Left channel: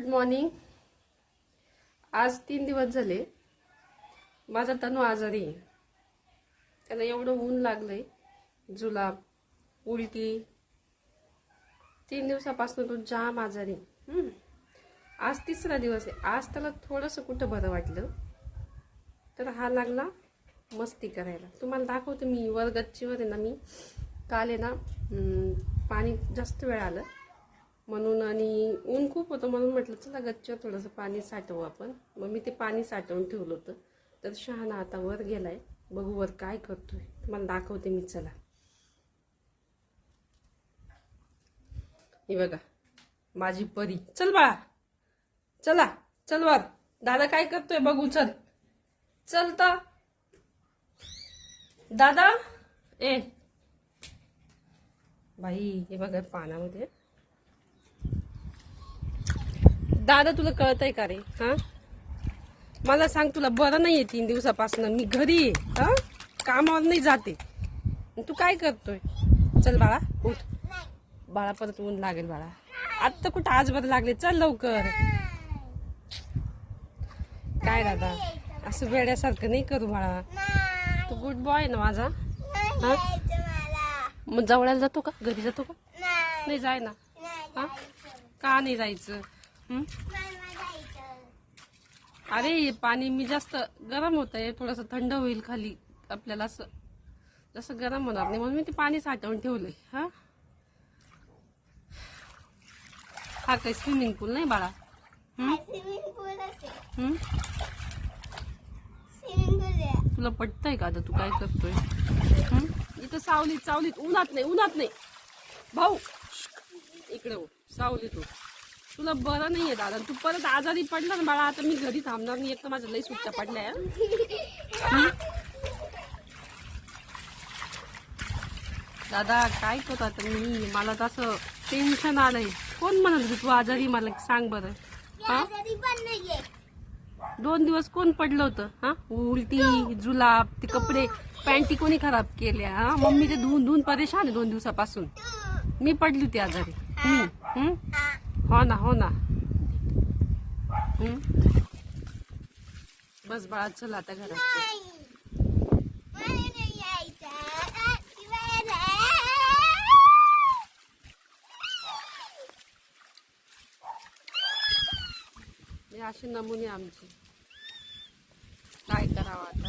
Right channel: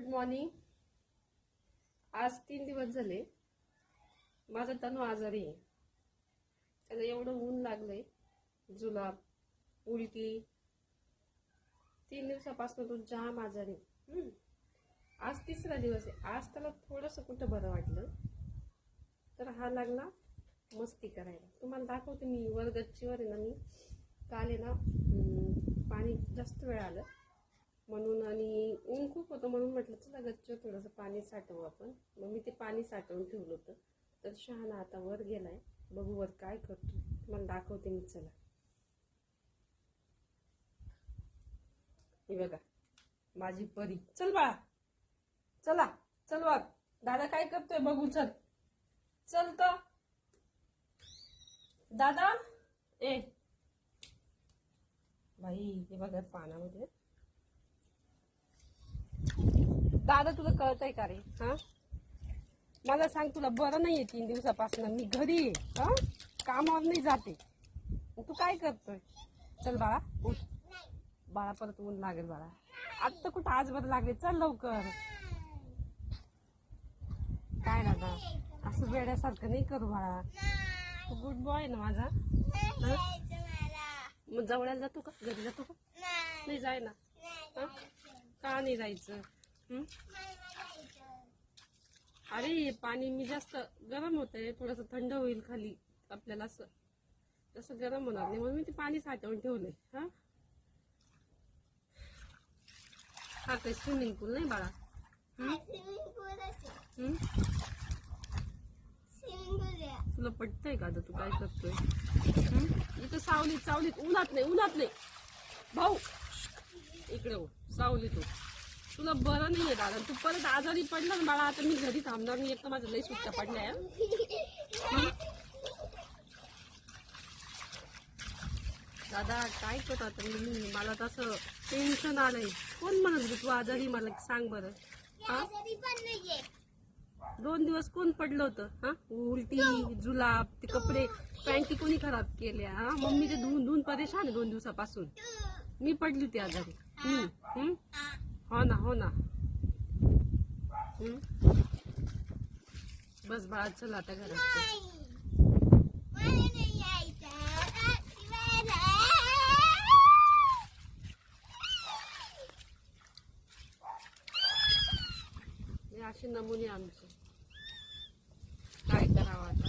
Good morning. आज 3 दिवस झाले माझा तनू आजारी आहे। त्याला एवढं ऊन लागलंय, जुलाब, उलटी। 3 दिवसापासून तो जाम आजारी। आज 3रा दिवस आहे। आज त्याला थोडंसं कुठं बरं वाटलं तर हा लागला मस्ती करायला। तुम्हाला दाखवते मी वर गच्चीवर आहे ना। मी काल आहे ना पाणी जास्त वेळ आलं म्हणून आणि ऊन खूप होतं म्हणून म्हटलं चला गच्चीवर थोडंसं पाणी साठवू आपण। मग मी ते पाणी साठवून ठेवलं होतं। तर शहाणा आता वर गेलाय, बघू वर काय करतोय, तुम्हाला दाखवते मी। चला हे बघा माझी परी। चल बाळा, चला चल वर, दादा काय करतोय बघू। चल चल तर दादा। ए बाई हे बघा पाण्यामध्ये। दादा तुला कळतंय का रे? हा मला सांग, तुला बरं नाहीये 3 दिवसापासून, मी घरी आहे, हा कामावर नाही जाते, तू काय करतोय? चल बाळा उठ, बाळा परत ऊन लागेल बाळा। आता कुठं आज बरं लागले, चल लवकर। काय दादा असं वेड्यासारखं नाही करू बाळा, तू गुड बॉय ना माझा। हा मग जवळायला जातो का, घरी जातो का? नाही जाय ना। हा का नाही जायचं? अरे पाणी मी जास्त गरम होत आहे, थोडंसं थंड होईल खाली आपल्याला, असं जसं गरम होणार नाही म्हणून मी ते पाणी साठवून ठेवलंय। हा हा काही स्विमिंग पूल नाही बाळा। तुला पटतंय का आता तू काय करतोय? इथं सावलीत सावलीत, उन्हात नाही उन्हात नाही भाऊ, इकडे हो सावलीत हो। तुला बरं नाहीये दादा, तू परत आजारी पडला ना बाळा, आता मी घरी थांबणार नाही। एक तर माझ्या लई सुट्ट्या पडल्या। दादा काय करतो आता मी, मला तसं टेन्शन आलंय। कोण म्हणत तू आजारी, मला सांग बरं। हा 2 दिवस कोण पडलं होतं? हा उलटी जुलाब, ते कपडे पॅन्टी कोणी खराब केल्या? हा मम्मी ते धुवून धुवून परेशान आहे 2 दिवसापासून। मी पडली होती आजारी मी। हो ना हो ना। बस बाळा चल आता घरात। हे असे नमुने आमचे, काय करावं आता?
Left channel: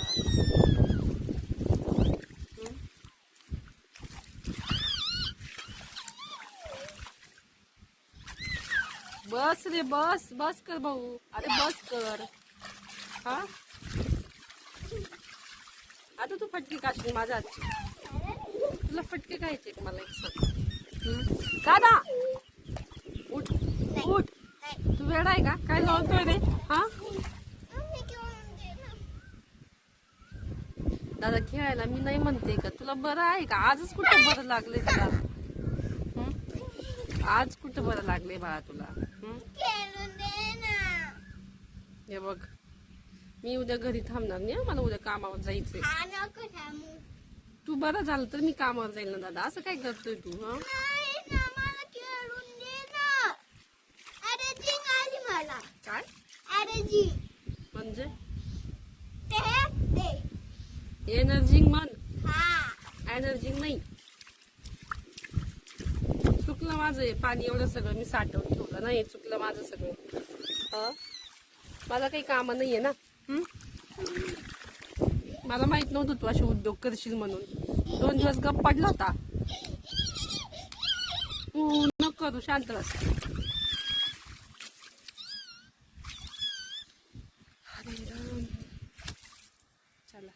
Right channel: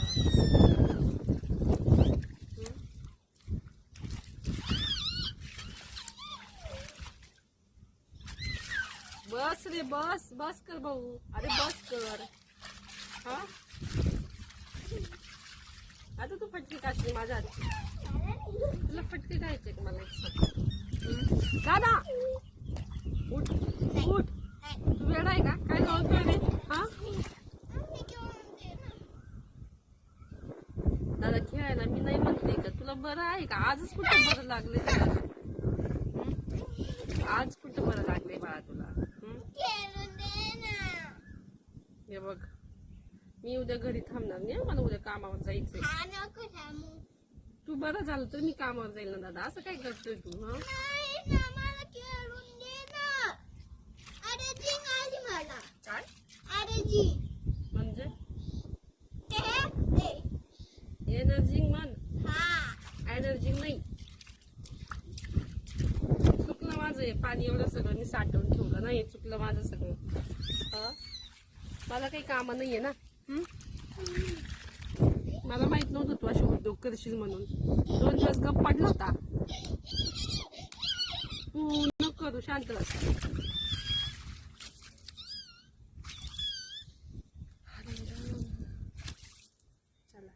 बस रे बस, बस कर भाऊ, अरे बस कर। हा आता तू फटके काढशील माझ्या हातची, तुला फटके खायचे मला एक सांग। दादा उठ उठ, तू वेडा आहे का? काय लावतोय रे? हा दादा खेळायला मी नाही म्हणते का, तुला बरं आहे का? आजच कुठं बरं लागले तुला? आज कुठं बरं लागले बाळा तुला? हे बघ मी उद्या घरी थांबणार नाही, मला उद्या कामावर जायचंय। तू बरं झालं तर मी कामावर जाईल ना दादा, असं काय करतोय तू? काय म्हणजे एनर्जी म्हण, एनर्जी नाही। चुकलं माझं, पाणी एवढं सगळं मी साठवून ठेवलं नाही, चुकलं माझं सगळं। मला काही काम नाहीये ना। मला माहित नव्हतं तू असे उद्योग करशील म्हणून। 2 दिवस गप पडला होता। नको करू, शांत बस। चला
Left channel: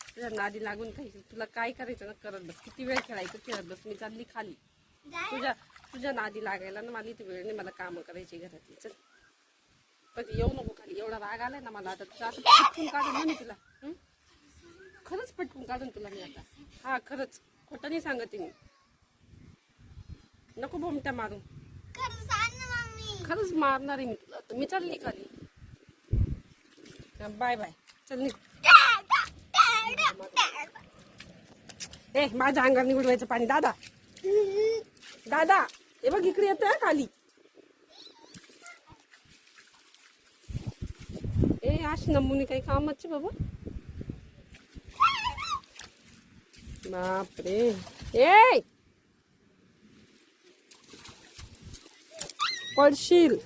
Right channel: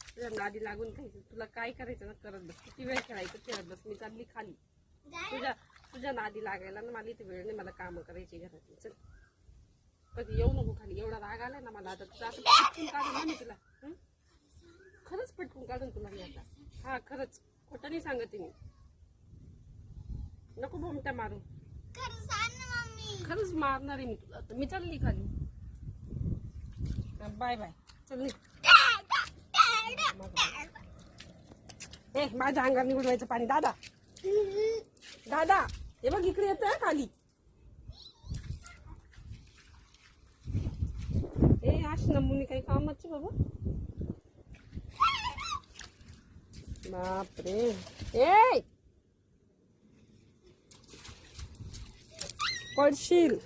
तुझ्या नादी लागून पाहिजे, तुला काय करायचं ना करत बस, किती वेळ खेळायचं खेळत बस। मी चालली खाली, तुझ्या नादी लागायला ना मला इथे वेळ नाही, मला कामं करायची घरातली। चल पण येऊ नको खाली, एवढा राग आलाय ना मला आता, तुझं असं पटकून काढून मी तुला, खरंच पटकून काढून तुला मी आता। हा खरंच, खोटं नाही सांगते मी, नको भोमट्या मारू, खरंच मारणार आहे मी तुला। तर मी चालली खाली, बाय बाय, चल निघ। ए माझ्या अंगाने उडवायचं पाणी दादा, दादा हे बघ इकडे येतोय खाली। अशी नमुने काही कामाची बाबा. बापरे. ए पडशील.